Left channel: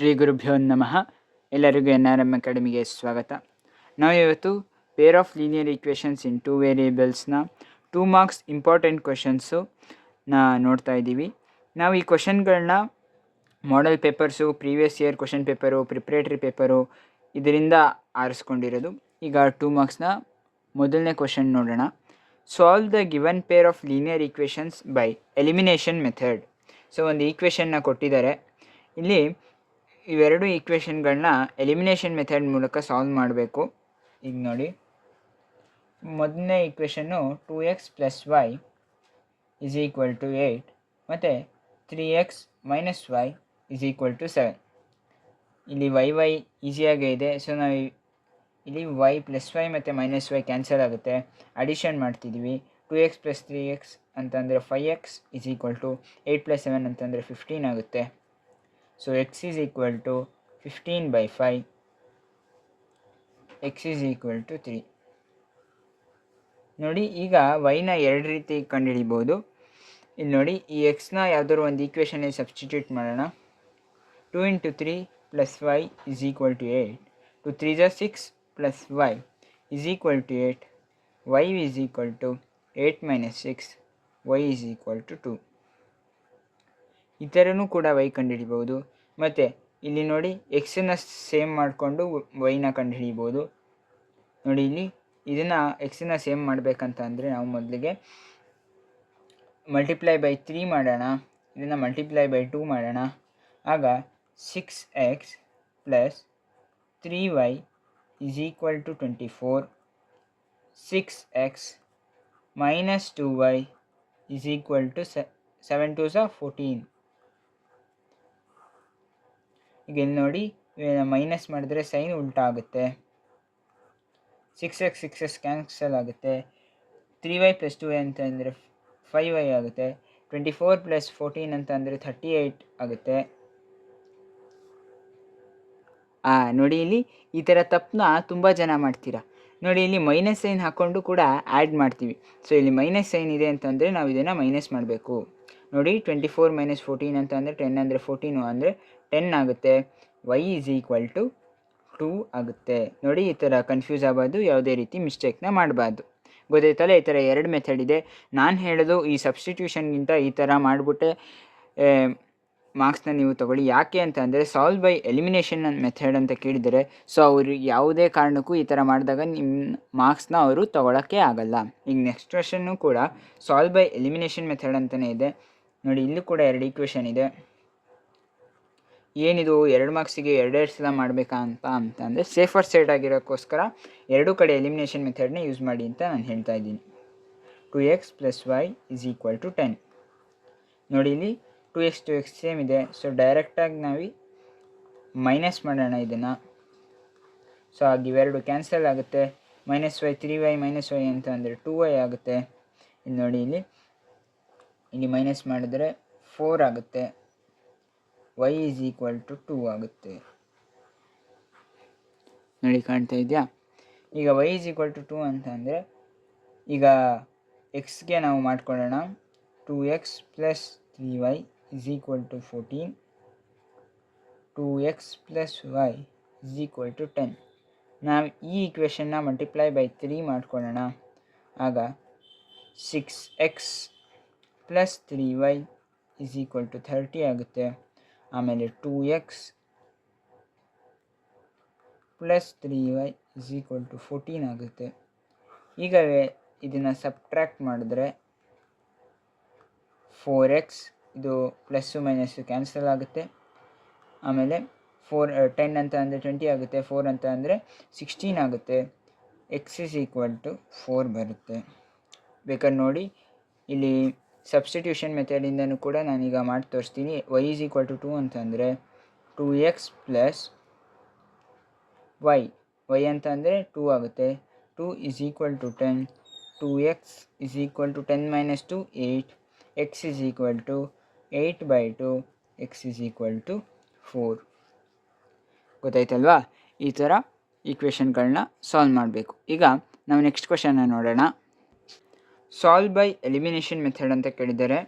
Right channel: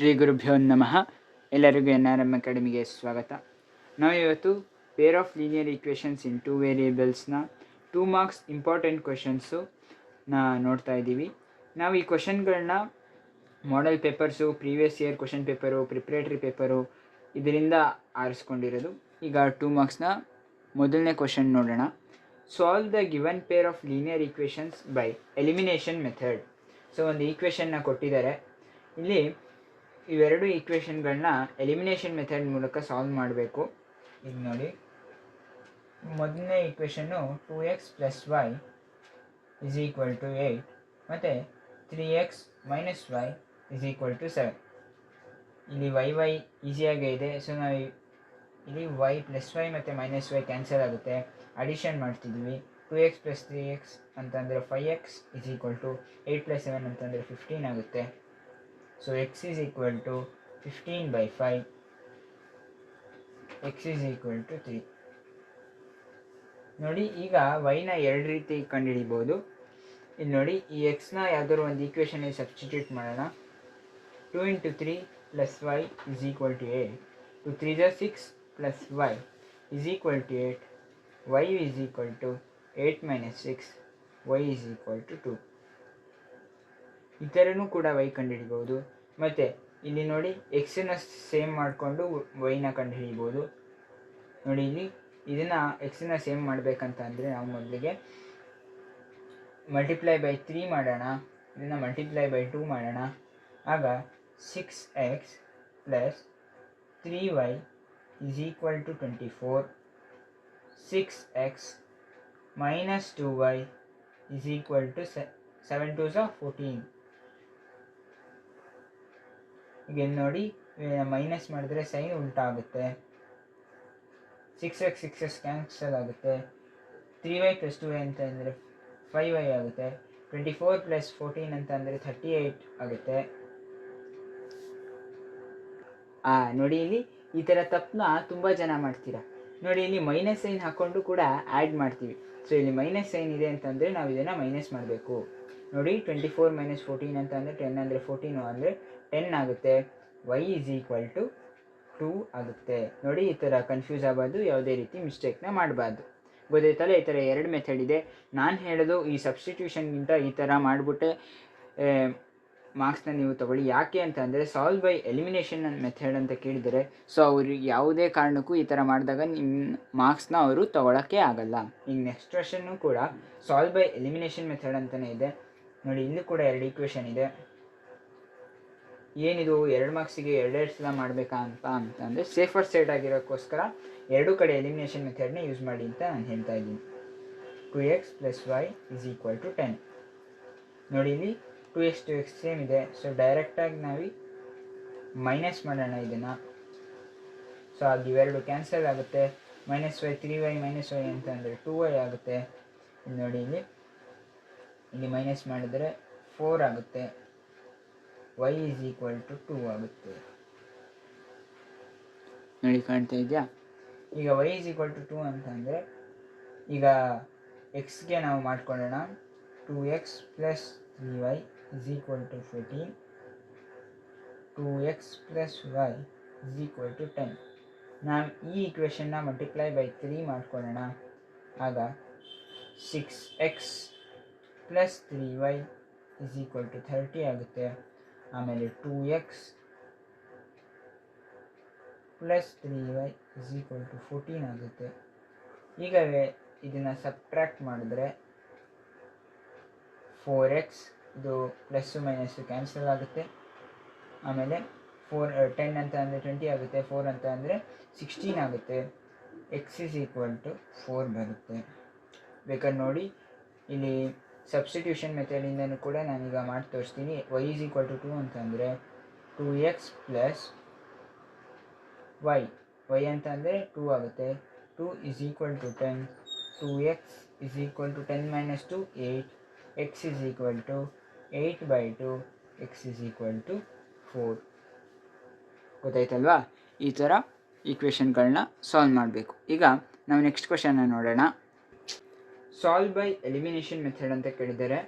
ಶ್ರೀ ಗುರುಭ್ಯೋ ನಮಃ. ಎಲ್ಲರಿಗೂ NRM ಅಕಾಡೆಮಿಗೆ ಸ್ವಾಗತ. ನಾವು ಇವತ್ತು pair of linear equations in 2 ವೇರಿಯೇಬಲ್ಸ್ನ 2 ಮಾರ್ಕ್ಸ್ ಇಂಪಾರ್ಟೆಂಟ್ ಕ್ವೆಶನ್ಸು ನೋಡ್ತಾ ಇದ್ದೀವಿ. ನಾವು ಈ ಕ್ವೆಶನ್ಗಳನ್ನ model papers, previous year question paper, preparatory paper ಇದರಿಂದ ಆರಿಸ್ಕೊಂಡಿರೋದು. ಈಗ 2 ಮಾರ್ಕ್ಸ್ನ ಮೊದಲನೇ ಕ್ವೆಶನ್ ನೋಡೋಣ. Solve the given pair of linear equations by elimination method. So ಒಂದು ಈಕ್ವೇಷನ್ನ ಕೊಟ್ಟಿದ್ದಾರೆ. ಇಲ್ಲಿ ಇವೆರಡು ಈಕ್ವೇಷನ್ಗಳನ್ನ ಎಲಿಮಿನೇಷನ್ ಮೆಥಡ್ ಮೂಲಕ ಸಾಲ್ವ್ ಮಾಡಬೇಕು. ಈಗ ನೋಡಿ, ಮೊದಲನೇ ಈಕ್ವೇಷನ್ನು 2x + y = 8 ಮತ್ತು 3x - y = 7. ಇಲ್ಲಿ y ಈಸಿಯಾಗೇ ಇದೆ. ಸೊ ನಾವು ಇಲ್ಲಿ y + y ಮತ್ತು -y ಕ್ಯಾನ್ಸಲ್ ಆಗುತ್ತೆ. ಅಡಿಷನ್ ಮಾಡ್ತಿದ್ವಿ. 2x + 3x ಅಂತಂದರೆ 5x = 8 + 7 ಅಂತಂದರೆ 15 ಆಗುತ್ತೆ. So x = 15/5, x = 3. ನೋಡಿ, ಈಗ yನ ಎರಡು ರೀತಿ ಕಂಡುಹಿಡಿಬೋದು. ಇಲ್ಲಿ ನೋಡಿ, ಈ xನ ಯಾವುದಾದ್ರು ಒಂದು ಈಕ್ವೇಷನಲ್ಲಿ ಸಬ್ಸ್ಟಿಟ್ಯೂಟ್ ಮಾಡೋಣ. 2 × 3 + y = 8. 2 3 = 6 + y = 8. y = 8 - 6, y = 2. ಈ ಥರನೂ ಕೂಡ y ಕಂಡುಹಿಡಿಬೋದು. ಮತ್ತು ಇಲ್ಲಿ ನೋಡಿ, ಎಕ್ಸನ್ನು ಸೇಮ್ ಮಾಡಿಕೊಂಡು ವೈನ ಕಂಡುಹಿಡಿಬೋದು. ನೋಡಿ, ಇಲ್ಲಿ ಇದನ್ನು ಎಕ್ಸನ್ನು ಸೇಮ್ ಮಾಡಬೇಕಂತ ಅಂದರೆ ನಾವು ಮೊದಲಿಗೆ × 3 ಮಾಡೋಣ. ಇದನ್ನು × 2 ಮಾಡೋಣ. ಆಗ 6x + 3y = 24. 6x - 2y = 7 2 = 14. ಈಗ ಇಲ್ಲಿ ನೋಡಿ, ಮೈನಸ್ ಮಾಡಿದ್ರೆ ಸೈನ್ ಉಲ್ಟಾ ಆಗುತ್ತೆ. 6x 6x ಕ್ಯಾನ್ಸಲ್ ಆಗುತ್ತೆ. 3y + 2y ಅಂತಂದರೆ 5y ಆಗುತ್ತೆ. 24 + 14 ಅಂತಂದರೆ 38 ಆಗುತ್ತೆ. ನೋಡಿ, ಇಲ್ಲಿ ಈ ಥರ ತಪ್ಪನ್ನ ತುಂಬ ಜನ ಮಾಡ್ತೀರಾ. ನೋಡಿ, ಇಲ್ಲಿ ಮೈನಸ್ ಸೈನ್ ಹಾಕ್ಕೊಂಡು ಕೂಡ ಆ್ಯಡ್ ಮಾಡ್ತೀವಿ. ಸೊ ಇಲ್ಲಿ ಮೈನಸ್ ಸೈನ್ ಇದೆ ಅಂತಂದರೆ ನಾವು ಇದನ್ನು ಮೈನಸ್ ಮಾಡಬೇಕು. ನೋಡಿ, 24 - 14 ಅಂತಂದರೆ 10 ಅಂದರೆ 14 ಅಂದರೆ 10 ಆಗುತ್ತೆ. y = 2 ಆಗುತ್ತೆ. ನೋಡಿ, ಈ ಥರ ಕನ್ಫ್ಯೂಸ್ ಆಗೋದು, ಯಾವುದೇ ರೀತಿ ಮಿಸ್ಟೇಕ್ನ ಮಾಡಬಾರ್ದು. ಗೊತ್ತಾಯ್ತಲ್ಲ? ಈ ಥರ ಎರಡು ಮೆಥಡ್ ಇದೆ. ನಾನು ಹೇಳೋದು ಈ ಸಬ್ಸ್ಟಿಟ್ಯೂಷನ್ಗಿಂತ ಈ ಥರ ಮಾಡಿಬಿಟ್ಟೆ ಮಾರ್ಕ್ಸ್ನ ನೀವು ತೊಗೊಳ್ಳಿ. ಯಾಕೆ ಅಂತ ಅಂದರೆ ಸಾಲ್ವ್ ಬೈ ಎಲಿಮಿನೇಷನ್ ಮೆಥಡ್ ಅಂತ ಕೇಳಿದರೆ, ಸೊ ಅವರು ಯಾವುದೇ ಕಾರಣಕ್ಕೂ ಈ ಥರ ಮಾಡಿದಾಗ ನಿಮ್ಮ ಮಾರ್ಕ್ಸ್ನ ಅವರು ತೊಗೊಳಕ್ಕೆ ಆಗಲ್ಲ. ಈಗ ನೆಕ್ಸ್ಟ್ ಕ್ವೆಶನ್ನು ಕೂಡ ಸಾಲ್ವ್ ಬೈ ಎಲಿಮಿನೇಷನ್ ಮೆಥಡ್ ಅಂತಲೇ ಇದೆ. ನೋಡಿ, ಇಲ್ಲೂ ಕೂಡ ಎರಡು ಈಕ್ವೇಷನ್ ಇದೆ. ಏನಿದು 2 ಮಾರ್ಕ್ಸಿಗೆ 2 ಸಲ ಮಾಡಬೇಕಾ ಅಂತಂದರೆ ಸೇಫರ್ ಸೈಡ್ ಆಗಿರೋಕ್ಕೋಸ್ಕರ ಎರಡೂ ಕಡೆ ಎಲಿಮಿನೇಷನ್ ಮೆಥಡ್ನ ಯೂಸ್ ಮಾಡಿ ಅಂತ ನಾನು ಹೇಳ್ತಾ ಇದ್ದೀನಿ. 2x + y = 10. ನೋಡಿ, ಇಲ್ಲಿ 2x ಸೇಮ್ ಇದೆ. ಸೊ ಡೈರೆಕ್ಟಾಗಿ ನಾವು ಮೈನಸ್ ಮಾಡೋಣ ಇದನ್ನು. ಸೊ ಆಗ ಇವೆರಡು ಕ್ಯಾನ್ಸಲ್ ಆಗುತ್ತೆ. -y 3y - y ಅಂತ ಅಂದರೆ 2y ಆಗುತ್ತೆ. ಇಲ್ಲಿ ನೋಡಿ, ಇಲ್ಲಿ ಮೈನಸ್ ಮಾಡಿದರೆ 4 ಆಗುತ್ತೆ. y = 2 ಆಗುತ್ತೆ. ನೋಡಿ, ಕಾಣ್ತಾ ಇದೆಯಾ? ಈಗ y = 2 ಅಂತಂದರೆ ಈಗ ಎಕ್ಸ್ಗೆ ನಾವು ಮಾಡ್ಕೊಳ್ಳೋಣ. 2x + 3y = 14. 2x + y = 10. ನಾವು ಈ ಈಕ್ವೇಷನ್ನ × 3 ಮಾಡ್ಕೊಳ್ಳೋಣ. ಆಗ 6x + 3y = 30 ಆಗುತ್ತೆ. ಆಮೇಲೆ 2x + 3y = 14 ಆಗುತ್ತೆ. ಈಗ ಇದನ್ನು ಸಬ್ಟ್ರ್ಯಾಕ್ಟ್ ಮಾಡಿದ್ರೆ 4x, ಇದು ಪ್ಲಸ್ಸು ಮೈನಸ್ಸು ಕ್ಯಾನ್ಸಲ್ ಆಗುತ್ತೆ. ಆಮೇಲೆ 10 ಅಂತ ಅಂದರೆ 20 ಆಗುತ್ತೆ. 4 ಅಂತ ಅಂದರೆ 16 ಆಗುತ್ತೆ. x = 4 ಬರುತ್ತೆ. ಬೇಕಾದ್ರೆ ನೋಡಿ, ಇಲ್ಲಿ ಸಬ್ಸ್ಟಿಟ್ಯೂಷನ್ ಮೆಥಡಿಂದನೂ ಕೂಡ ನಾನೀಗ ಮಾಡಿ ತೋರಿಸ್ತೀನಿ. y = 2 ಅಂತಂದರೆ 2x + y ಅಂತ ಅಂದರೆ 2 ಆಗುತ್ತೆ. 2 = 10. 2x = 10 - 2 8. x = 8/2. x = 4. ಗೊತ್ತಾಯ್ತಲ್ವಾ? ಈ ಥರ ಈಕ್ವೇಷನ್ಗಳನ್ನ ಸಾಲ್ವ್ ಮಾಡಬೇಕು. ಈಗ ನಾವು ನೆಕ್ಸ್ಟ್ ಕ್ವೆಶನ್ನ ನೋಡೋಣ. ಸಾಲ್ವ್ ಬೈ ಎಲಿಮಿನೇಷನ್ ಮೆಥಡ್ ಅಂತ ಕೇಳಿದ್ದಾರೆ.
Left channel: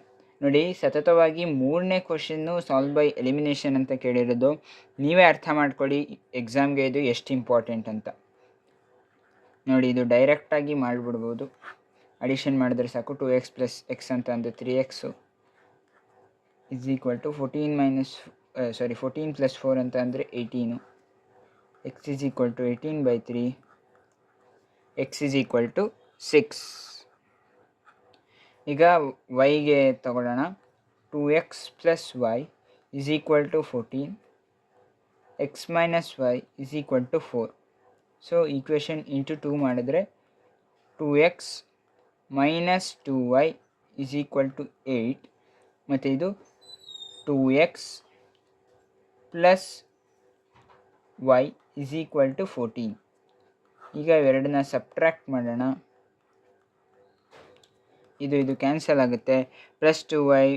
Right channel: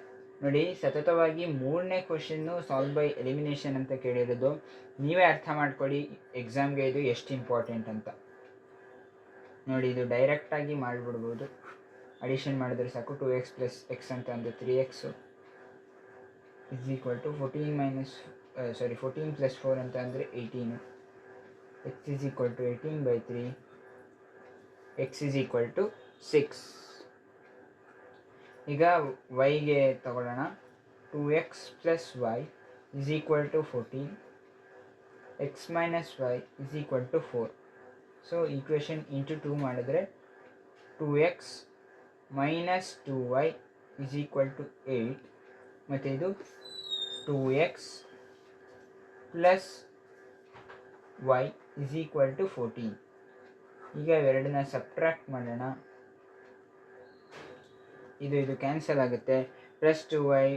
ನೋಡಿ, ಸತತವಾಗಿ 3ನೇ ಕ್ವಶನ್ನು ಸಾಲ್ವ್ ಬೈ ಎಲಿಮಿನೇಷನ್ ಅಂತ ಕೇಳಿರೋದು. ನೀವೇ ಅರ್ಥ ಮಾಡ್ಕೊಳ್ಳಿ ಎಕ್ಸಾಮ್ಗೆ ಇದು ಎಷ್ಟು ಇಂಪಾರ್ಟೆಂಟ್ ಅಂತ. ನೋಡಿ, ಇದು ಡೈರೆಕ್ಟಾಗಿ ಮಾಡಿಬಿಡ್ಬೋದು. ಅಡಿಷನ್ ಮಾಡಿದ್ರೆ ಸಾಕು. 2x ಪ್ಲಸ್ ಎಕ್ಸ್ ಅಂತ ಅಂದರೆ 3x is equal to 14 plus 4 ಅಂತ ಅಂದರೆ 18. X is equal to 18/3. X is equal to 6. ಈಗ ವೈಗೆ ತಗೊಳ್ಳೋಣ. 2x plus y is equal to 14. X minus y is equal to 4. So equation into 2 ಮಾಡಿದ್ರೆ 2x minus 2y is equal to 8. ಮತ್ತು ಇದು 2x plus y is equal to 14. ಈಗ ಇವೆರಡನ್ನ subtract ಮಾಡೋಣ. ಇದು cancel ಆಗುತ್ತೆ. ಪ್ಲಸ್ 2y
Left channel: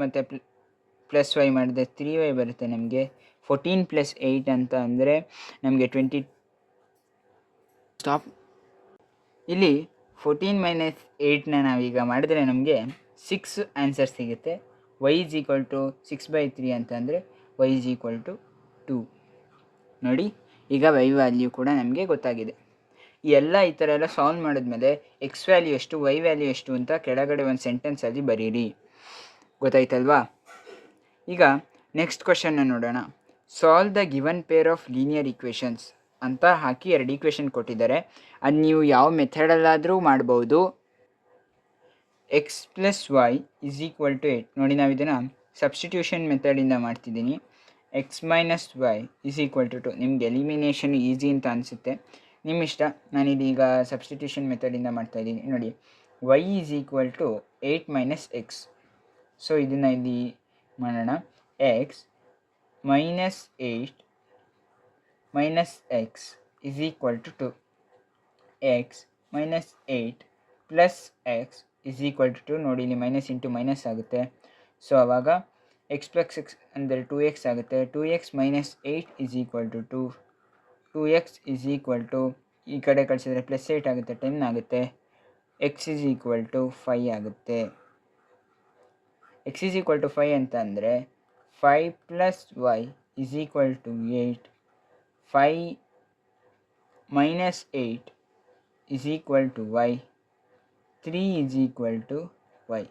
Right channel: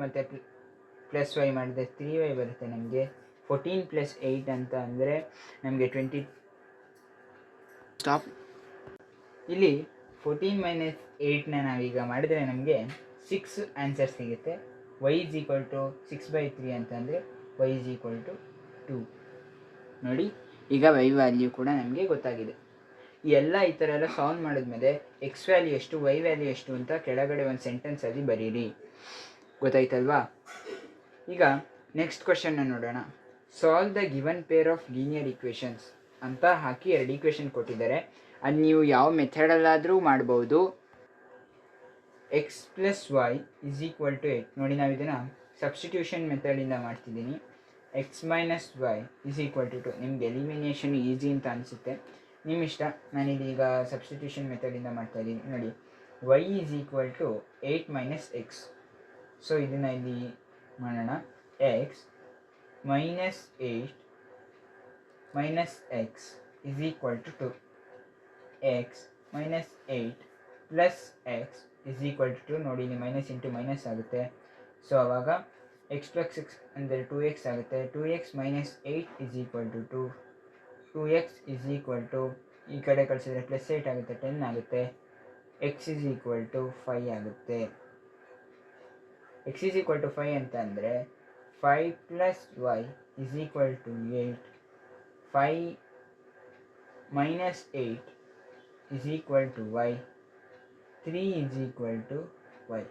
ಮತ್ತು plus Y ಮಾಡಿದರೆ 3y ಬರುತ್ತೆ ನಮಗೆ. 14 ಪ್ಲಸ್ 8 ಅಂತ ಅಂದರೆ ನಮಗೆ 20. ಸ್ಟಾಪ್. ಇಲ್ಲಿ 14 ಮೈನಸ್ 8ನ ನಾವೀಗ ಮಾಡಿದರೆ ನಮಗೆ 6 ಆನ್ಸರ್ ಸಿಗುತ್ತೆ. y ಇಸ್ ಈಕ್ವಲ್ ಟು 6/3 ಅಂತಂದರೆ y ಇಸ್ ಈಕ್ವಲ್ ಟು 2. ನೋಡಿ, ಈಗ y ವ್ಯಾಲ್ಯೂ ಕೂಡ ನಮಗೆ ಗೊತ್ತಾಗಿದೆ. ಈ ಥರ ಎಲ್ಲ ಸಾಲ್ವ್ ಮಾಡಿದ್ಮೇಲೆ ಎಕ್ಸ್ ವ್ಯಾಲ್ಯೂ ಎಷ್ಟು, ವೈ ವ್ಯಾಲ್ಯೂ ಎಷ್ಟು ಅಂತ ಕೆಳಗಡೆ ಒಂದು ಸೆಂಟೆನ್ಸಲ್ಲಿ ಬರೀರಿ. ಗೊತ್ತಾಯ್ತಲ್ವಾ? ಈಗ ನೆಕ್ಸ್ಟ್ ಕ್ವಶನ್ನ ನೋಡೋಣ. Solve the given pair of linear equations ಅಂತ ಹಾಕಿ 2 ಈಕ್ವೇಷನ್ ಕೊಟ್ಟಿದ್ದಾರೆ. ಅದು ನೀವು ಯಾವ ಮೆಥಡಲ್ಲಾದರೂ ಮಾಡ್ಬೋದು. X plus y is equal to 8. ನೋಡಿ, ನಾವು ಇದನ್ನು ಸಬ್ಸ್ಟಿಟ್ಯೂಷನ್ ಮೆಥಡಿಂದ ಮಾಡ್ತಿದ್ದೀನಿ. X minus y is equal to 2. ನಿಮ್ಗೆ ಎಲಿಮಿನೇಷನ್ ಈಸಿ ಅಂತ ಅನಿಸುತ್ತೆ, ನಿಮ್ಮ ಇಷ್ಟ. ನಾನಿದೀಗ ಸಬ್ಸ್ಟಿಟ್ಯೂಷನ್ ಮೆಥಡಿಂದ ಮಾಡ್ತಾಯಿದ್ದೀನಿ. ನೋಡಿ, y is equal to 8 minus x. So ಇದನ್ನು ಇಲ್ಲಿ ಮಾಡೋಣ. X minus 8 minus x is equal to 2. X minus 8 plus x is equal to 2. ನೋಡಿ, ಇಲ್ಲಿ ಮೈನಸ್ ಇಂಟು ಮೈನಸ್ ಆಗುತ್ತೆ. ಸೊ ಆವಾಗ ಎಕ್ಸ್ ಪ್ಲಸ್ ಎಕ್ಸ್ ಅಂದರೆ 2x ಆಗುತ್ತೆ. 2x minus 8 is equal to 2. 2x is equal to, ಈ ಕಡೆ ಕಳಿಸಿದ್ರೆ plus 8 ಆಗುತ್ತೆ, 10 ಆಗುತ್ತೆ. ಎಕ್ಸ್ ಇಸ್ ಈಕ್ವಲ್ ಟು 5 ಆಗುತ್ತೆ. ಎಕ್ಸ್ ಇಸ್ ಈಕ್ವಲ್ ಟು 5 ಅಂತ ಅಂದರೆ 5 plus y is equal to 8. 5 minus 8 is equal to y. 3 is equal to y.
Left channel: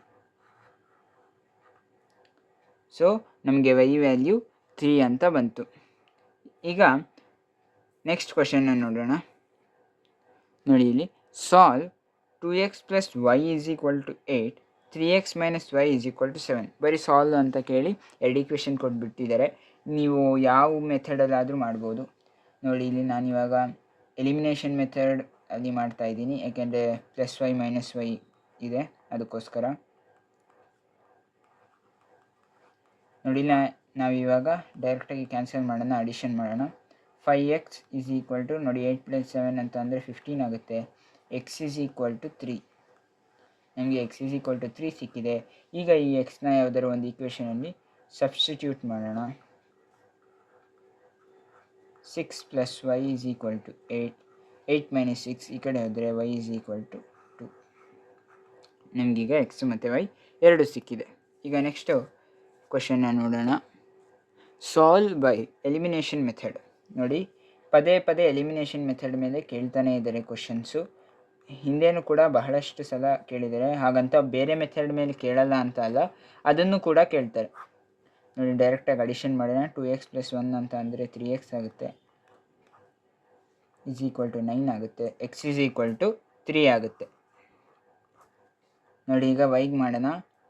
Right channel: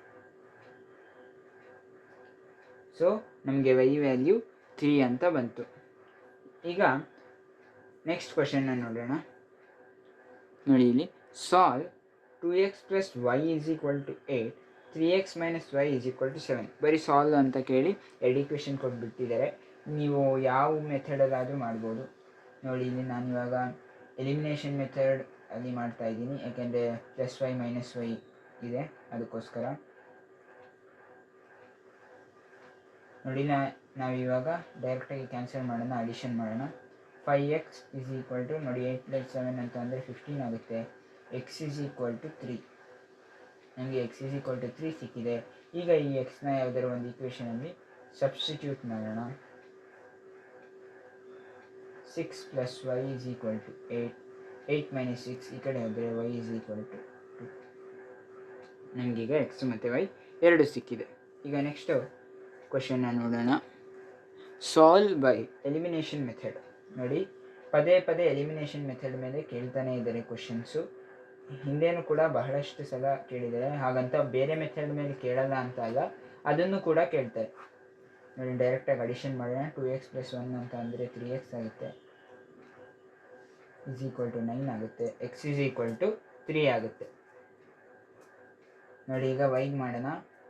So ನಮಗೆ y value 3 ಅಂತ ಬಂತು. ಈಗ ನೆಕ್ಸ್ಟ್ ಕ್ವಶನ್ನ ನೋಡೋಣ. ನೋಡಿ, ಇಲ್ಲಿ solve 2x plus y is equal to 8. 3x minus y is equal to 7. ಬರೀ solve ಅಂತ ಕೇಳಿ 2 ಈಕ್ವೇಷನ್ ಕೊಟ್ಬಿಟ್ಟಿದ್ದಾರೆ. ನೀವು ಯಾವ ಮೆಥಡಲ್ಲಾದರೂ ಮಾಡ್ಬೋದು. ನೋಡಿ, ಇಲ್ಲಿ ನಾನಿವಾಗ ಎಲಿಮಿನೇಷನ್ ಮೆಥಡ್ ಅಲ್ಲಿ ಮಾಡ್ತಾಯಿದ್ದೀನಿ, ಯಾಕೆಂದರೆ ಪ್ಲಸ್ ವೈ ಮೈನಸ್ ವೈ ಇದೆ, ಅದಕ್ಕೋಸ್ಕರ. ನೋಡಿ, ನಾವಿವಾಗ ಡೈರೆಕ್ಟಾಗಿ ಕ್ಯಾನ್ಸಲ್ ಮಾಡೋಣ, ಅಡಿಷನ್ ಮಾಡೋಣ. 5x ಇಸ್ ಈಕ್ವಲ್ ಟು, ನೋಡಿ 8 ಪ್ಲಸ್ 7 ಅಂತ ಅಂದರೆ 15 ಆಗುತ್ತೆ. X is equal to 3. ನಮಗೆ ಎಕ್ಸ್ ಇಸ್ ಈಕ್ವಲ್ ಟು 3 ಸಿಕ್ಕಿದೆ. ಈಗ ಈ ಎಕ್ಸ್ನ ಯಾವುದಾದ್ರು ಒಂದು ಈಕ್ವೇಷನಲ್ಲಿ ಸಬ್ಸ್ಟಿಟ್ಯೂಟ್ ಮಾಡೋಣ. 6 plus y is equal to 8. 8 minus 6 ಈ ಕಡೆ ಹೋದರೆ ವೈ ಇಸ್ ಈಕ್ವಲ್ ಟು 2. ನಮಗೀಗ ಎಕ್ಸ್ ಮತ್ತು ವೈ ಎರಡು ಸಿಕ್ಕಿದೆ. ಈಗ ನೆಕ್ಸ್ಟು ಕ್ವಶನ್ನ ನೋಡೋಣ. Solve by elimination method. ನೋಡಿ, ಪದೇ ಪದೇ ಎಲಿಮಿನೇಷನ್ ಮೆಥಡ್ ಮೇಲೆ ಕೇಳ್ತಾನೆ ಇದ್ದಾರೆ ಕ್ವಶನ್ಸು. ಹಿಂದೇನೂ ಕೂಡ ಬಹಳಷ್ಟು ಸಲ ಕೇಳಿದ್ದಾರೆ. ಹಾಗಂತ ಬೇರೆ ಮೆಥಡ್ ಮೇಲೆ ಕೇಳಲ್ಲ ಅಂತ ಅಲ್ಲ, ಅದನ್ನು ಕೂಡ ಕೇಳ್ತಾರೆ. ನೋಡಿ, ಡೈರೆಕ್ಟಾಗಿ ಅಡಿಷನ್ ಮಾಡೋಣ. 2x ಪ್ಲಸ್ 1 ಅಂತ ಅಂದರೆ 3x ಆಗುತ್ತೆ. ಇಸ್ ಈಕ್ವಲ್ ಟು 9 ಆಗುತ್ತೆ. ಎಕ್ಸ್ ಇಸ್ ಈಕ್ವಲ್ ಟು 3 ಆಗುತ್ತೆ. ನೋಡಿ, ಈಗ ವೈಗೆ ಮಾಡೋಣ.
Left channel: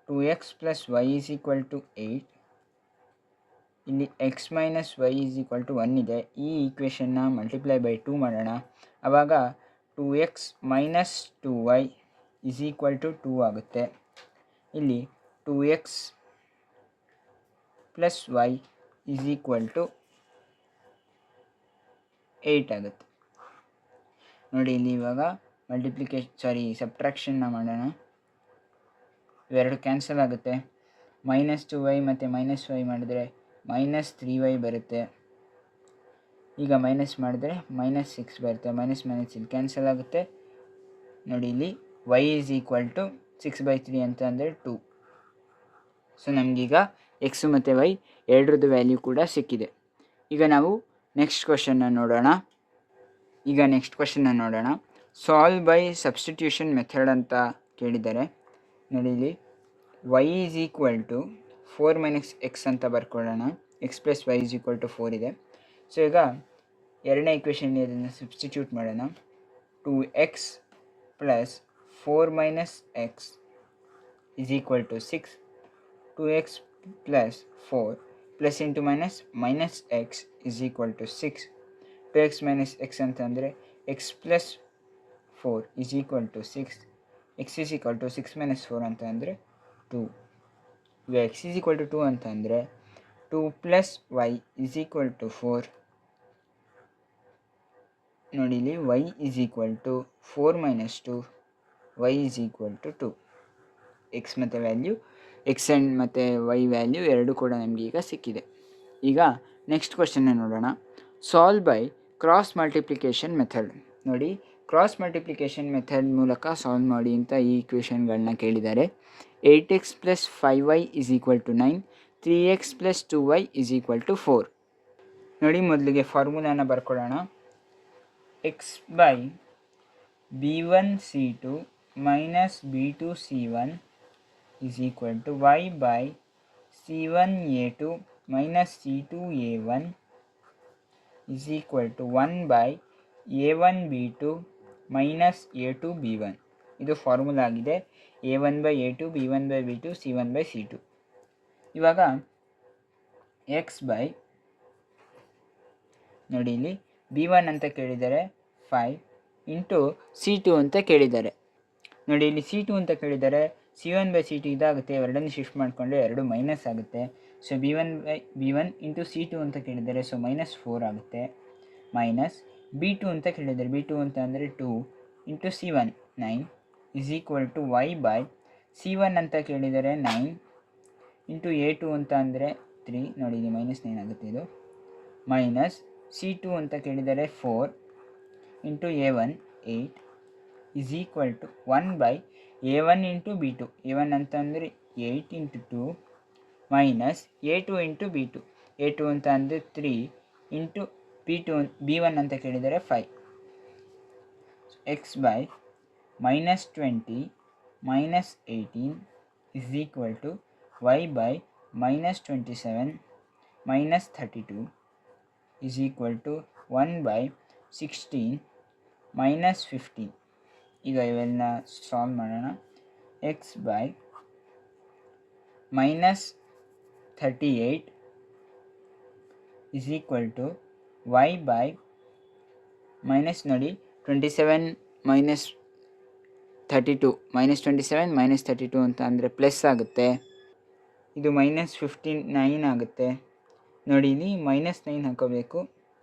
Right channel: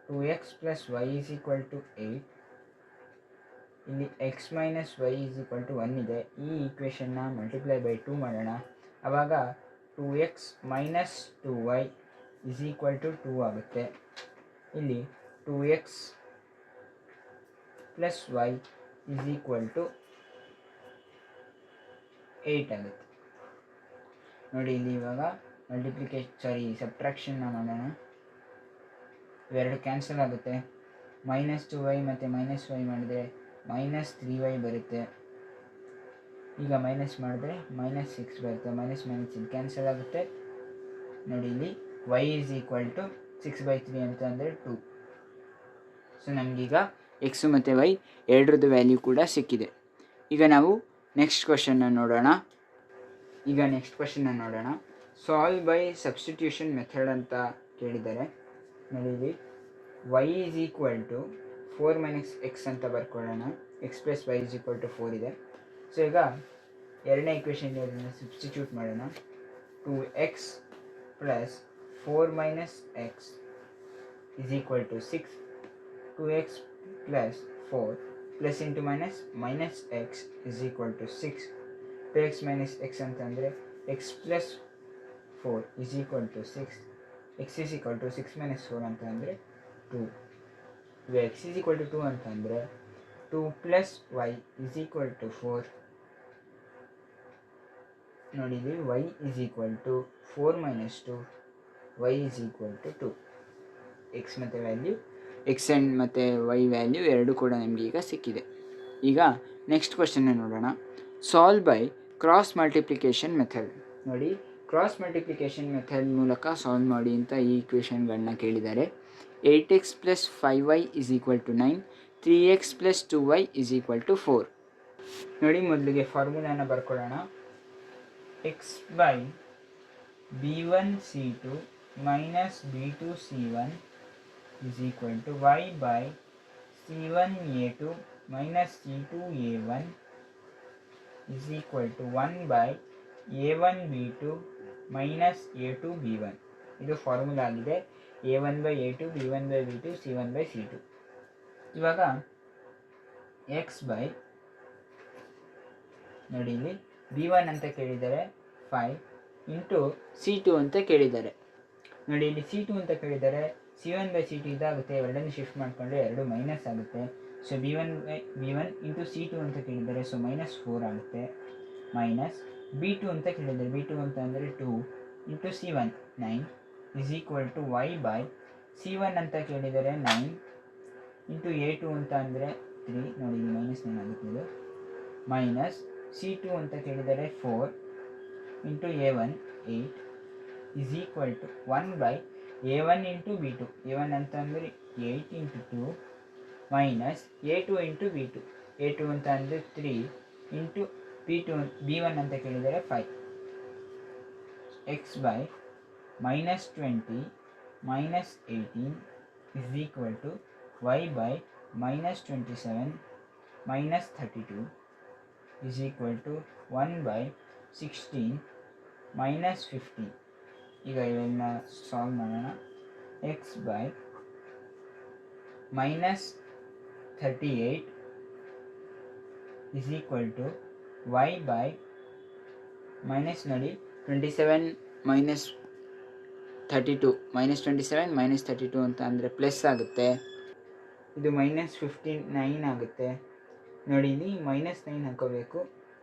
2x plus y is equal to 8. ಇಲ್ಲಿ x minus y is equal to 1 ಇದೆ. ಈ ಈಕ್ವೇಷನ್ನ ಮಲ್ಟಿಪ್ಲೈ ಬೈ 2 ಮಾಡೋಣ. ಆವಾಗ 2x minus 2y is equal to 2 ಆಗುತ್ತೆ. ಇಲ್ಲಿ 2x plus y is equal to 8 ಆಗುತ್ತೆ. ನೋಡಿ, ಇಲ್ಲಿ ಇವಾಗ ಸಬ್ಟ್ರಾಕ್ಷನ್ನ ಮಾಡೋಣ. ಇವೆರಡು ಕ್ಯಾನ್ಸಲ್ ಆಗುತ್ತೆ. ಮೈನಸ್ 2y ಮತ್ತು ಮೈನಸ್ ವೈ ಮಾಡಿದರೆ ಮೈನಸ್ 3y ಬರುತ್ತೆ. ಈಗ ಮೈನಸ್ ಮಾಡಿದ್ರೆ ಮೈನಸ್ 6 ಬರುತ್ತೆ. ಮೈನಸ್ ಇಲ್ಲಿ ಕ್ಯಾನ್ಸಲ್ ಆಗುತ್ತೆ. ನೋಡಿ, ಇಲ್ಲಿ y ಈಸ್ ಈಕ್ವಲ್ ಟು 6/3 ಅಂತ ಅಂದರೆ 2. ಸೊ ನಮಗೀಗ ಎಕ್ಸ್ ಮತ್ತು ವೈ ಎರಡರದ್ದು ವ್ಯಾಲ್ಯೂ ಕೂಡ ಸಿಕ್ಕಿದೆ. ಈಗ ನಾವು ನೆಕ್ಸ್ಟ್ ಕ್ವಶನ್ನ ನೋಡೋಣ. ಸಾಲ್ವ್ ಬೈ ಸಬ್ಸ್ಟಿಟ್ಯೂಷನ್ ಮೆಥಡ್ ಅಂತ ಕೇಳಿದ್ದಾರೆ. ನೋಡಿ ಇಲ್ಲಿ y is equal to 4 - x ಅಂತ ಬರ್ಕೊಳ್ಳೋಣ. x + y is equal to 4 ಇದೆ. ಸೊ ಈಗ ಎರಡನೇ ಇಕ್ವೇಷನ್ ಇದನ್ನು ಸಬ್ಸ್ಟಿಟ್ಯೂಟ್ ಮಾಡೋಣ. 2x + 4 - x is equal to 6. 2x + 4 plus into minus x is equal to 6. 2x - x ಅಂತಂದರೆ x + 4 is equal to 6. x is equal to 6 - 4 ಅಂತ ಅಂದರೆ 2. ಈಗ x is equal to 2 ಅಂತ ಅಂದರೆ 2 + y ಈಸ್ ಈಕ್ವಲ್ ಟು 4. ನೋಡಿ ಇಲ್ಲಿ y is equal to 4 - 2, y is equal to 2. X ಮತ್ತು value x and ಮತ್ತು ವೈ ವ್ಯಾಲ್ಯೂ ಎರಡೂ ಕೂಡ ನಮಗೆ ಈಗ ಸಿಕ್ಕಿದೆ. ಈಗ ನೆಕ್ಸ್ಟ್ ಕ್ವಶನ್ನ ನೋಡೋಣ. Solve by cross multiplication method. ನೋಡಿ, ಕ್ರಾಸ್ ಮಲ್ಟಿಪ್ಲಿಕೇಶನ್ ಮೆಥಡ್ ಮೂಲಕ ಸಾಲ್ವ್ ಮಾಡಿ ಅಂತ ಈ ಇಕ್ವೇಷನ್ಗಳನ್ನ ಕೇಳಿದ್ದಾರೆ. 8x + 5y is equal to 9. 3x + 2y is equal to 4. ನೋಡಿ, ಮೊದಲಿಗೆ ಫಾರ್ಮುಲಾನ ಬರ್ಕೊಳ್ಳೋಣ. x by b1c2 - b2c1 is equal to y by c1a2 - c2a1 is equal to 1 by a1b2 - a2b1. ಇದು ಫಾರ್ಮುಲಾ ಆಗಿದೆ. a1/a2, b1/b2, c1/c2. ಇವಾಗ x by ನೋಡಿ ಇಲ್ಲಿ b1 ಅಂತ ಕೇಳಿದ್ದಾರೆ 5 ಇಂಟು c2 ಅಂತ ಕೇಳಿದ್ದಾರೆ. ನೋಡಿ ಇಲ್ಲಿ c2 ಅಂತ ಕೇಳಿದ್ದಾರೆ. c1/c2 ಇದಾಗುತ್ತೆ, ಎರಡನ್ನು ಶಿಫ್ಟ್ ಮಾಡಿಕೊಂಡ್ರೆ ಎರಡು ಮೈನಸ್ ಆಗುತ್ತೆ. ಸೊ b1 ಇಂಟು c2 ಅಂತ ಕೇಳಿದ್ದಾರೆ, ಸೊ -4 ಆಗುತ್ತೆ. ಮೈನಸ್ b2 ಅಂತ ಕೇಳಿದ್ದಾರೆ. b2 ಅಂತ ಅಂದರೆ 2 into c1 9 is equal to y by c1 ಅಂತ ಕೇಳಿದ್ದಾರೆ 9 ಇಂಟು a2 ಅಂತ ಅಂದರೆ 3. ನೋಡಿ ಇಲ್ಲಿ -9 ಆಗುತ್ತೆ ಇದು. ಮೈನಸ್ c2 ಅಂತ ಕೇಳಿದ್ದಾರೆ 4 into a1 8 is equal to 1 by a1 into b2. a1 ಅಂತಂದರೆ 8 into 2 minus a2 into b2. a2 ಅಂತ ಅಂದರೆ 3 ಇಂಟು b1 ಅಂತ ಕೇಳಿದರೆ 5. x by -20 -18 is equal to y by -27 -32 is equal to 1 by 16 -15. ಈಗ ಇವೆಲ್ಲ solve ಮಾಡೋಣ. x by -38 is equal to y by ನೋಡಿ 27 -32 -27 -32 ಅಂತ ಅಂದರೆ ಪ್ಲಸ್ ಆಗುತ್ತೆ. ಇದು -59 ಆಗುತ್ತೆ. ನೋಡಿ ಇಲ್ಲಿ -9 ಹಾಕೋಬೇಕು,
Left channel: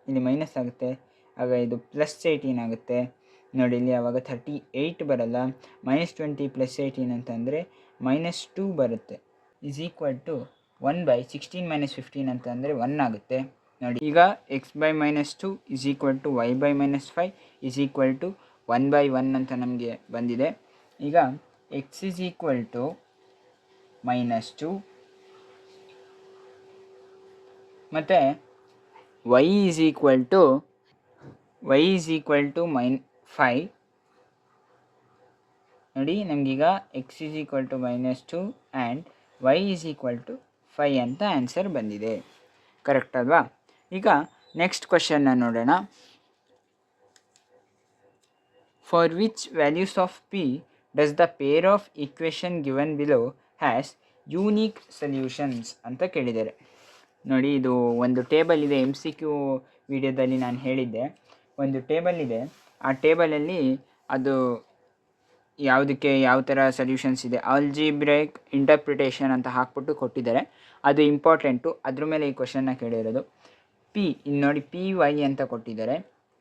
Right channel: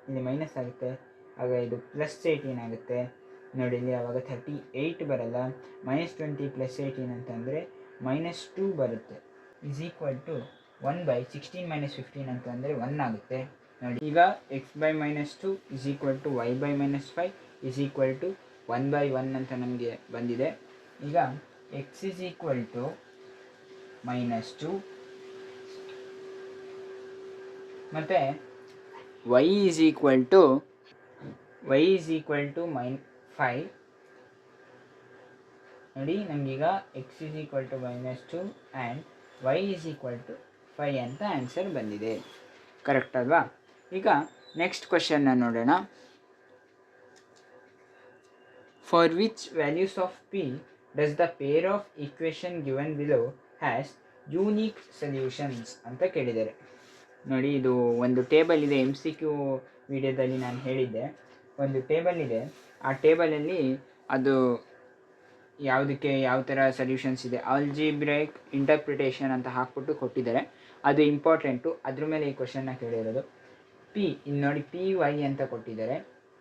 ಇಲ್ಲಿ ಮೈನಸ್ ಆಗುತ್ತೆ, ಆಗ ಇದು +18 ಆಗುತ್ತೆ. ನೋಡಿ ಇಲ್ಲಿ ಆವಾಗ 38 ಬರಲ್ಲ. -20 + 18 ಅಂತಂದರೆ -2 ಬರುತ್ತೆ. ಈಸ್ ಈಕ್ವಲ್ ಟು 1 ಬೈ 16 -15 ಅಂತ ಅಂದರೆ 1 ಆಗುತ್ತೆ. ನೋಡಿ ಈಗ x by -2 is equal to y by -5 is equal to 1/1 ಅಂತ ನಮಗೆ ಬಂದಿದೆ. ಈಗ x ಈಸ್ ಈಕ್ವಲ್ ಟು -2 ಮತ್ತು y ಈಸ್ ಈಕ್ವಲ್ ಟು -5. ನೋಡಿ ನಮಗೀಗ x is equal to -2 and y is equal to 5 ಅಂತ ಆನ್ಸರ್ ಬಂದಿದೆ. ಕರೆಕ್ಟ್ ಅಲ್ವಾ? ಈಗ ನೆಕ್ಸ್ಟ್ ಕ್ವಶನ್ನ ನೋಡೋಣ. For which values of p does the pair of equation given below has unique solutions ಅಂತ ಕೇಳಿದ್ದಾರೆ. ನೋಡಿ ಇದು ಒಂದು ಟೇಬಲ್ ಇದೆ. MCQ ವಿಡಿಯೋದಲ್ಲಿ ನಾನು ಹೇಳಿದ್ದೆ, ಒಂದು ಟೇಬಲ್ ಇದೆ. ಆ ಟೇಬಲಲ್ಲಿ ಅದು ಯಾವುದಕ್ಕೆ ಯಾವ ಥರ ಸೊಲ್ಯೂಷನ್ಸ್ ಇದೆ, ಆಲ್ಜಿಬ್ರೈಕ್ ಇಂಟರ್ಪ್ರಿಟೇಷನ್ ಅಂತ ಹಾಕ್ಬಿಟ್ಟು ಕೊಟ್ಟಿದ್ದಾರೆ. ಅದು ಇಂಪಾರ್ಟೆಂಟು, ಅದ್ರ ಮೇಲೆ ಈ ಕ್ವಶನ್ನ ಕೇಳಿರೋದು. ಇನ್ನು ನೋಡಿ PY ಅಂತ ಕೊಟ್ಟಿದ್ದಾರೆ.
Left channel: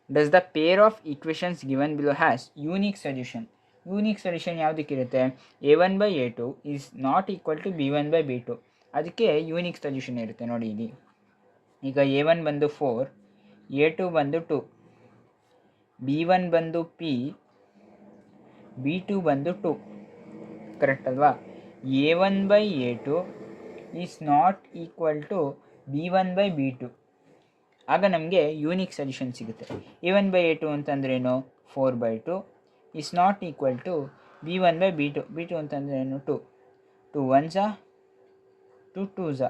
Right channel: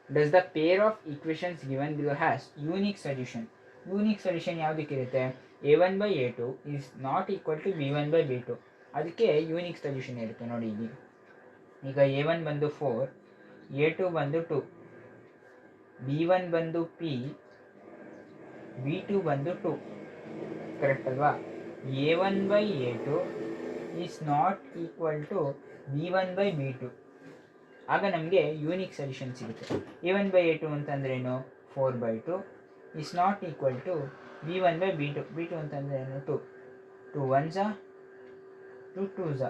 Does the pair of equations given below has unique solution. Unique solution ಯಾವುದಕ್ಕಿರುತ್ತೆ? a1/a2 is not equal to b1/b2. ಅದಕ್ಕೆ ಯೂನಿಕ್ ಸೊಲ್ಯೂಷನ್ ಇರುತ್ತೆ. ನೋಡಿ ಇಲ್ಲಿ ಈಗ a1 ಬಂದು 4, a2 ಬಂದು 2, b1 ಬಂದು p, b2 ಬಂದು 2. ಕರೆಕ್ಟ್ ಅಲ್ವಾ? a1/a2 is not equal to B1/B2. ಆಗ ನಮಗೆ ಯೂನಿಕ್ ಸೊಲ್ಯೂಷನ್ ಸಿಗುತ್ತೆ. A1/A2 ಅಂತಂದ್ರೇನು 4/2 is not equal to B1/B2. B2 ಅಂತಂದ್ರೇನು 2. 2 1s 2 2s.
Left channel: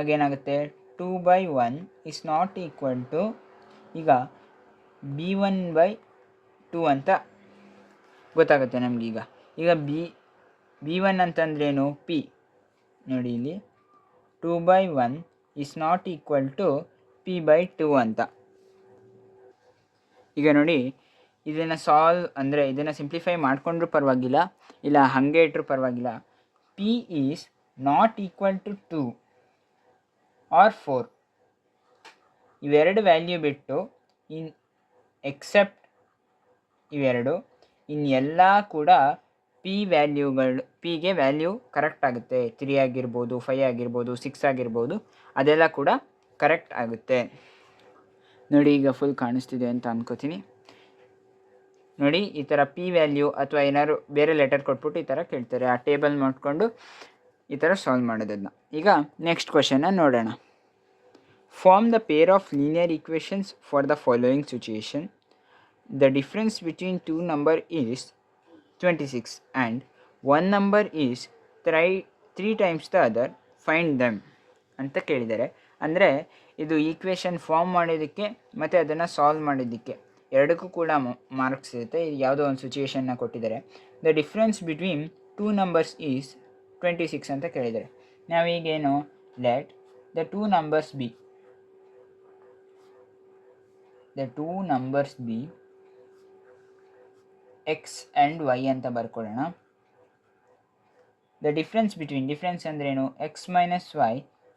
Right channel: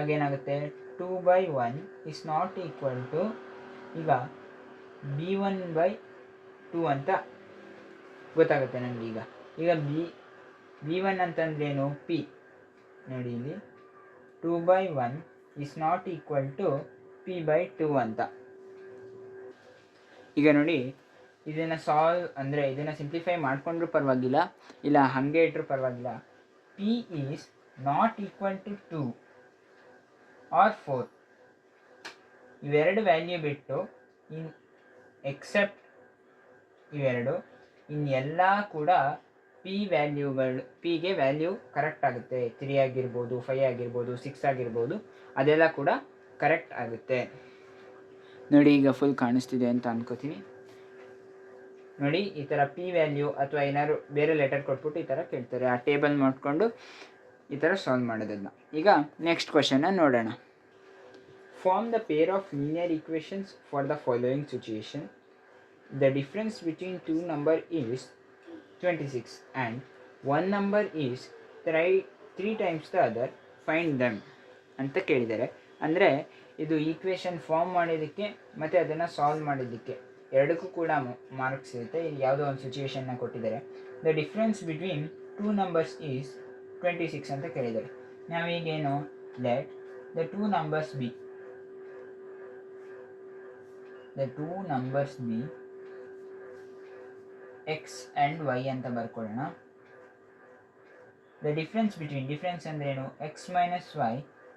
ಆಗೇನಾಗುತ್ತೆ 2/1 ಈಸ್ ನಾಟ್ ಈಕ್ವಲ್ ಟು ಈಗ B1/2 ಅಂತ ಗೊತ್ತಾಗುತ್ತೆ ನಮಗೀಗ. ಈಗ B1 ಅಂತಂದ್ರೇನು P ನೋಡಿ ಇಲ್ಲಿ 2/1 is not equal to P/2 ಅಂತ. ಈಗ ನೋಡಿ ಇದನ್ನು ಇದನ್ನು ಸಿಂಪ್ಲಿಫೈ ಮಾಡಿಕೊಂಡ್ರೂ ಪರವಾಗಿಲ್ಲ, ಇಲ್ಲ ಹಾಗೆ ಇಟ್ಟರೂ ಪರವಾಗಿಲ್ಲ. P is not equal to 2 or 4. ಇವೆರಡು ವ್ಯಾಲ್ಯೂ ಬಿಟ್ಟು ಎಕ್ಸೆಪ್ಟ್ ಇವೆರಡು ಎಲ್ಲ ಕೂಡ Pಗೆ ವ್ಯಾಲ್ಯೂ ಕರೆಕ್ಟ್ ಆಗುತ್ತೆ. 3 ಆಗಿರ್ಬೋದು, 5 ಆಗಿರ್ಬೋದು, 6 ಆಗಿರ್ಬೋದು, ಅದೆಲ್ಲ ಕೂಡ ಕರೆಕ್ಟ್ ಆಗುತ್ತೆ. ನೋಡಿ ಈಗ ಫುಲ್ ಕಾಣಿಸ್ತಿದೆ ಅಂತ ಅನ್ಕೋತೀನಿ. ನೋಡಿ ಈ ಥರ P ವ್ಯಾಲ್ಯೂ ಅಥವಾ ಏನಾದ್ರು ಬೇರೆ ಲೆಟರ್ ಕೊಟ್ಬಿಟ್ಟು ಈ ಥರ ಕೇಳ್ತಾರೆ. ಆ ಟೇಬಲ್ ಮಾಡಿಕೊಂಡು ಈ ಥರ ಸಾಲ್ವ್ ಮಾಡೋದನ್ನ. ಈಗ ನೆಕ್ಸ್ಟ್ ಕ್ವಶನ್ನ ನೋಡೋಣ. Form the pair of linear equations for the following situation. The difference between 2 number is 26 and 1 number is 3 times the other, find them ಅಂತ ಕೇಳಿದ್ದಾರೆ. ಅಂದರೆ ಇದು ಈಕ್ವೇಷನ್ ಫಾರ್ಮ್ ಮಾಡೋದಕ್ಕೆ ಮತ್ತು ಅದನ್ನು ಸಾಲ್ವ್ ಮಾಡೋದಕ್ಕೆ ಎರಡಕ್ಕೂ ಕೂಡ ಮಾರ್ಕ್ಸ್ ಇರುತ್ತೆ. ಯಾವುದೋ ಒಂದು ಸಿಚುಯೇಷನ್ನ ಕೊಟ್ಟಿದ್ದಾರೆ. The difference between 2 numbers is 26 ಅಂತ ಕೇಳಿದ್ದಾರೆ. ನಾವೀಗೇನು let the 2 numbers be x and y ಅಂತ ಬರ್ಕೊಳ್ಳೋಣ. ದ ಡಿಫ್ರೆನ್ಸ್ ಅಂದ್ರೇನು x minus y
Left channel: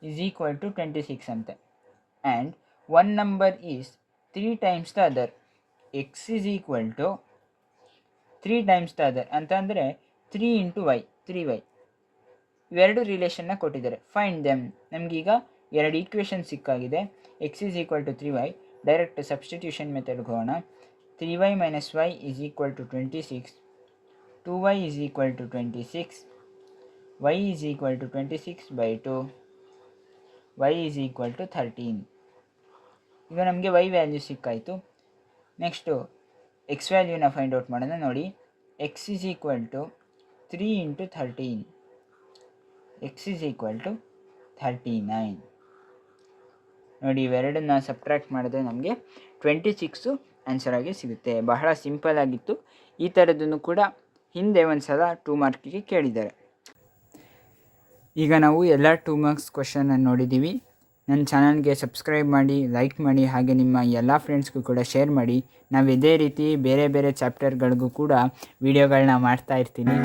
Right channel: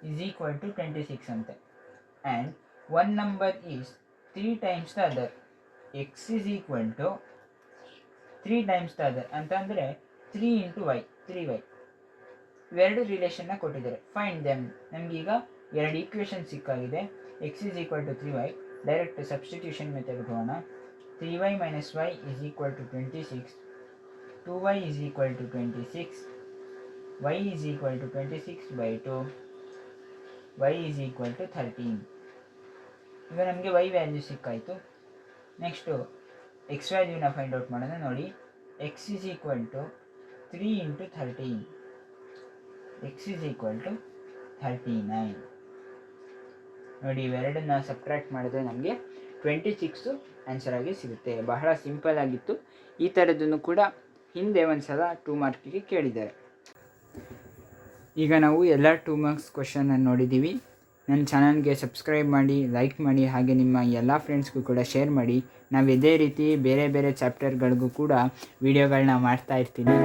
is equal to 26 ಅಂತೆ. And 1 number is 3 times the other, x is equal to 3 times the other ಅಂತಂದರೆ 3 × y, 3y. ಇವೆರಡು ರಿಲೇಷನ್ನ ಕೊಟ್ಟಿದ್ದಾರೆ. Find them. ನಮಗೀಗ ಎರಡು ಈಕ್ವೇಷನ್ ಸಿಕ್ಕಾಗಿದೆ. x is equal to 3y. Direct substitution ಮೆಥಡ್ಗೆ ಹೋಗೋಣ. 3y minus y is equal to 26. 2y is equal to 26. y is equal to 26/2. y is equal to 13. ಈಗ ನಮಗೆ y ವ್ಯಾಲ್ಯೂ ಸಿಕ್ಕಾಯಿತು. ನೆಕ್ಸ್ಟು x ವ್ಯಾಲ್ಯೂನ find out ಮಾಡೋಣ. ನೋಡಿ x is equal to 3 × 13. x is equal to 39. ನೋಡಿ ಇವೆರಡನ್ನ subtract ಮಾಡಿದ್ರೆ ನಮಗೆ 26 answer ಆಗಿ ಸಿಗುತ್ತೆ. ಬಹಳ ಸಿಂಪಲ್ ಆಗಿತ್ತು. ಈ ಥರದನ್ನು ಕೂಡ ಹಿಂದೆ ಒಂದು ಸಲ 2 ಮಾರ್ಕಿಗೆ ಕೇಳಿದ್ದಾರೆ. ಈಗ ನಾವು ಎಲ್ಲ 2 ಮಾರ್ಕ್ಸ್ ಕ್ವಶನನ್ನು ನೋಡಿದ್ದೀವಿ. ನನ್ನ ಚಾನಲ್ಗೆ ಸಬ್ಸ್ಕ್ರೈಬ್ ಮಾಡಿ, ಲೈಕ್ ಮಾಡಿ, ಹಾಗೆ ನಿಮ್ಮ ಎಲ್ಲ ಫ್ರೆಂಡ್ಸ್ಗೂ ಕೂಡ ಶೇರ್ ಮಾಡಿ. ನಾವು ಇದೇ ರೀತಿ ಬೇರೆ ಬೇರೆ ಚಾಪ್ಟರ್ಗಳಿಗೂ ಕೂಡ ವೀಡಿಯೋಗಳನ್ನ ಮಾಡ್ತಾ ಇರ್ತೀನಿ.